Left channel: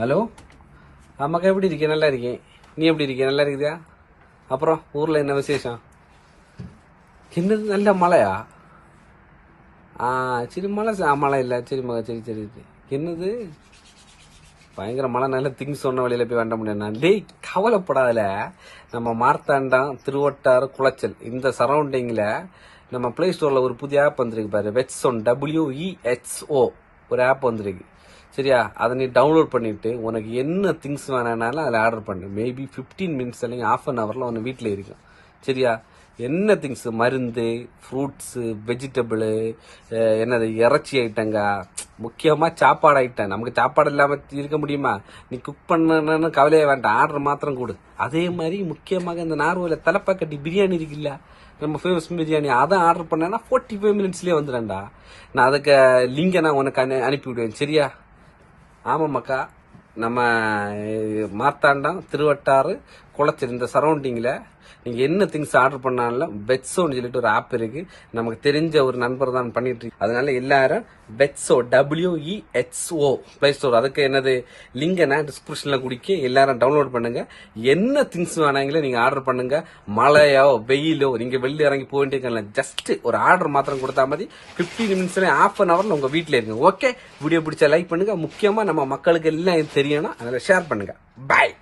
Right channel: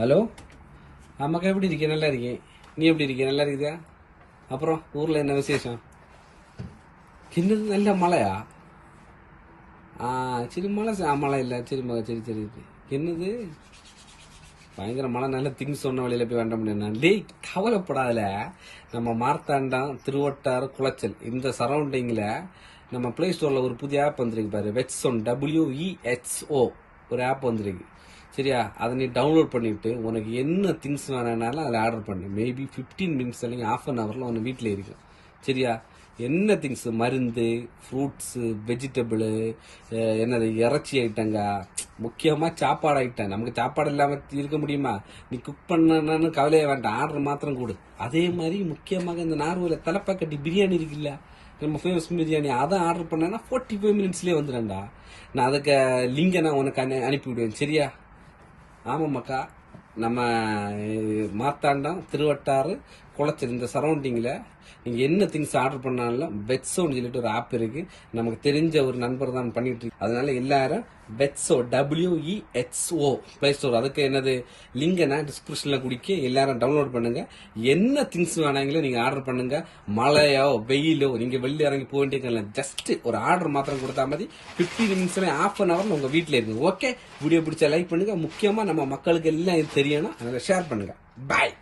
Hello, அம்மாக்கா எப்படி இருக்கேன்? நல்லா இருக்கேன். நீ எப்படி இருக்க? நல்லா இருக்குதா? அப்புறம் ஊர்ல என்ன விசேஷம்? என்னது நல்ல மழையா? சரி மழை மழை இல்லை. சரி மகா, சரி சரி சரி. என்னது பயங்கர மழை, நல்ல திங்ஸ் சொன்ன வழியில போய் வேண்ட முடியும். டேய் கவலைப்படாதல. நம்ம மார்த்தாண்டம், திருவட்டாறு, குளச்சல் இந்த சரௌண்டிங்ல நம்ம பிளே ஸ்டோர்ல ஒரு புதிய ஆப் வந்திருக்கு பாரு. வெட்ஸோன் WEHO ஒரு ஆப் வந்திருக்கு. சரியா? அதை நீ டவுன்லோட் பண்ணிட்டு உனக்கு என்ன திங்ஸ் வேணாலும் அதில் ஆர்டர் பண்ணு. மேபி 15 மினிட்ஸ் இல்லைங்க ½ ஹவர்ல உன் வீட்டில் இருக்கும். சரியா? என்ன திங்ஸ், மருந்து, ஃப்ரூட்ஸு, வெஜிடபிள், என்னது இறைச்சி ஐட்டங்க, முக்கியமாக சாப்பாடு ஐட்டம். நமக்கு சாப்பாடு இல்லாமல் இருக்க முடியுமா? நீ குக் பண்ணணும்னு கவலையே வேண்டாம், ஆர்டர் மாத்திரம் கொடு. அதே மாதிரி முக்கியமாக இந்த நார்வேல தலைப்பாக்கட்டி பிரியாணி இருக்குல்ல, நம்ம ஃபேமஸ் பிரியாணி, அதை ஆர்டர் பண்ணேன்னா 45 மினிட்ஸ்லேயே வந்துடும்டா. நான் அதுக்கு லிங்கை நான் உனக்கு அனுப்பிவிடுவேன். சரியா? ஆமாம்மாக்கா, நம்ம மார்த்தாண்டம், திருவட்டாறு, குளச்சல் இந்த சரௌண்டிங்கில் நீங்கள் என்ன திங்ஸ் ஆர்டர் பண்ணாலும் வெட்ஸோன்னு சொல்லிட்டு ஒரு ஆப் இருக்கு. நமக்கு தெரிஞ்ச ஒரு நண்பர் தான் பண்ணிட்டு இருக்கு. அதனால எல்லாரும் வெட்ஸோ WEHO பிளே ஸ்டோர், அதுக்கு என்னது லிங்கை நான் டிஸ்கிரிப்ஷனில் குடிக்க எல்லாரும் டவுன்லோட் பண்ணுங்க. என்ன திங்ஸ் வேணாங்களோ நீங்கள் ஆர்டர் பண்ணுங்க. மழையோ வெயிலோ நீங்கள் வெளில இறங்கி போக வேண்டிய ஜஸ்ட் ஒரு ஆர்டர் மாத்திரம் கொடுத்தா மாதிரி 15 மினிட்ஸ்ல ½ ஹவர்ல உங்கள் வீட்டில் இருக்கு. ஓகே, வீடியோ பிடிச்சா லைக் பண்ணுங்க. முக்கியமாக நம்ம மக்களுக்கு எல்லாம் தெரியணும், அதில் ஷேர் பண்ணுங்க. பாய்.